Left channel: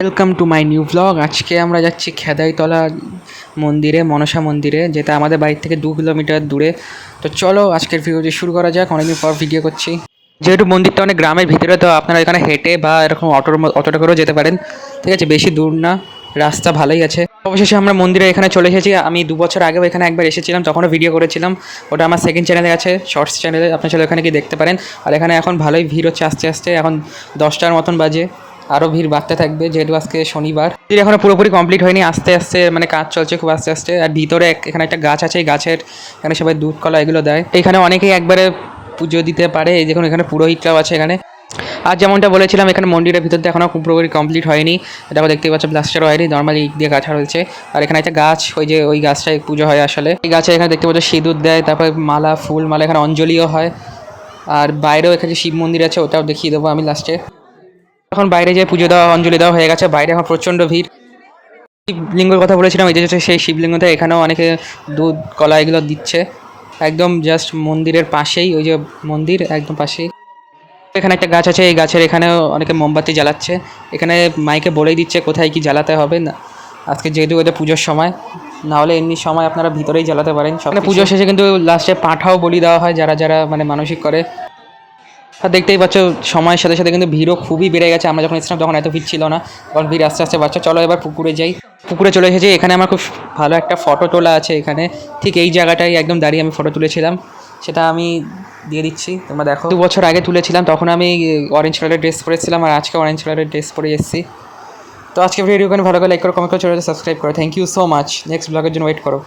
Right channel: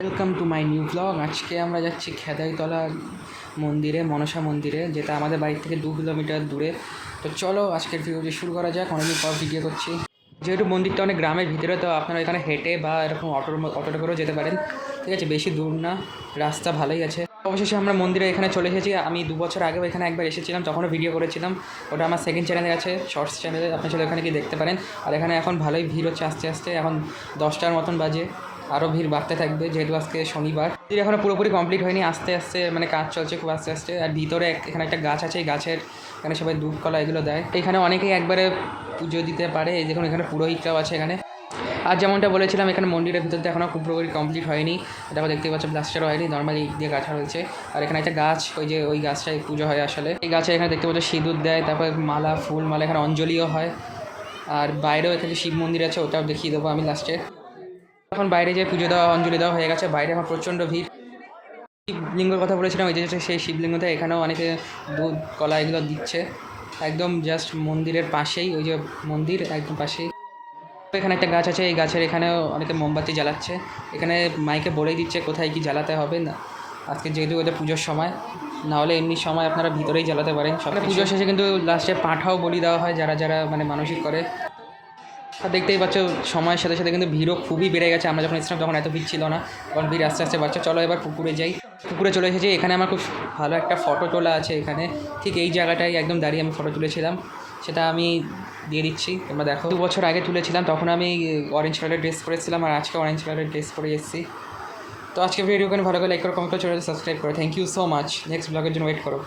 Welcome to my new blog. আজকে আমরা যাচ্ছি খেদাইতলা মন্দিরে, মনসা মন্দিরে, যেটা আমাদের বাড়ি থেকে 2 কিলোমিটার দূরে। তো চলো আজকের ভিডিওটি শুরু করা যাক। অনেকদিন পর ভিডিও করছি। যেহেতু মন্দিরটা অনেক গ্রামের ভিতরে, তো আপনারা এখানে হেঁটে বা এরকম অটোটা করেও যেতে পারেন। ঠিক আছে, বেশি দূর না, রাস্তা ভালোই আছে। অবশেষে আমরা মন্দিরে এখানে চলে এসেছি। আমি 2 বছর আগেও এখানে একবার এসেছিলাম, তখনও ভিডিও করেছিলাম। ওটা আমার সেকেন্ড চ্যানেলে আছে, শর্টস চ্যানেলে, আপনি চলে এখানে গিয়ে দেখতে পারেন। আর এখানে এখন ভালোই ভিড় হচ্ছে, আস্তে আস্তে এখন 10টার মতন বাজে। আরও ভিড় বাড়তে থাকবে যেহেতু আজকে শনিবার। এখনো পুরোপুরি কমপ্লিট হয়নি, আস্তে আস্তে মানে কাজ চলছে খুব আস্তে আস্তে। আর ভিতরে এখানে একটা গাছ আছে, এই গাছের এখানে সবাই দুধ কলা এগুলো দেয়। এখানে অনেকেই একবারে পুজো দিতে পারে। এই দেখুন এখানে পুরোহিতরাও আছে এখানে। আর যেমনটা বলেছিলাম, এখানে মন্দিরের ভিতরটা এখনও পুরোপুরি কমপ্লিট হয়নি। এটা দেখতে পাচ্ছ প্লাস্টারও হয়নি, নর্মালি ইট দিয়ে গাছা রয়েছে। আর এখানে একটা গাছ, ওই গাছটায় পুজো হয় আসলে। এই গাছে এখানে দেখতে পাচ্ছ সিঁদুর দেয়, তারপরে মালা, ফুল মালা, এখানে অঞ্জলিও হয়। আর বাইরেও এখানে শিব মন্দির আছে, ওটাও দেখিয়ে দেবো আমি লাস্টে। এখন বাইরে যে পুজো দেওয়া, অঞ্জলি দেওয়া হয়ে গেছে, বাইরে এখন প্রচণ্ড ভিড়। শিবলিঙ্গের কথা বলেছিলাম, এই যে সেই শিবলিঙ্গটা, এখানেও অনেকে দুধ কলা এগুলো দিচ্ছে। একদম জাস্ট মন্দিরের পাশেই, ওই যে মন্দির একদম পাশেই এখানে একটা গাছ আছে। এই গাছের এখানেও অনেকে মোমবাতি জ্বালাচ্ছে। এখানে মাইকে বলেই দিচ্ছে কোথায় কি জ্বালাতে হবে না। আজকে যেহেতু এটা পুজোর সময়, না হলে এমনি সময় আপনারা ভিতরেই জ্বালাতে পারেন। সব পুজো শেষে কিন্তু লাস্টে পাঁঠাও বলি দেওয়া হয়, যারা যারা মানে মানসিক করে। আর দেখতেই পাচ্ছ সময়ের সাথে সাথে কিন্তু ভিড়ও খুবই বেড়ে গেছে। আমরা যখন এসেছিলাম তখন এত ভিড় ছিল না, তখন ভিড় আস্তে আস্তে বাড়ছে। চলো এবার পুকুরে যাই। পুকুরে চলে এসেছি। এখানে আমার খুব ভালো একটা ফটো তোলা আছে এখানে, ঠিক এই জায়গাটাই একদম দাঁড়িয়ে আমি ফটো তুলেছিলাম। সেটা আমি দিয়ে দিচ্ছি, তোমরা দেখো। 2 বছর আগে তুলেছিলাম, তখন আমি অরেঞ্জ কালারের ড্রেস পরেছিলাম, আর আজকে অরেঞ্জ কালারের ড্রেস পরে এসেছি। তো আজকে ভিডিও ভালো করে লাইক করো, কমেন্ট করো, সাবস্ক্রাইব করো। Thank you so much. Next ব্লগের জন্য ওয়েট করো।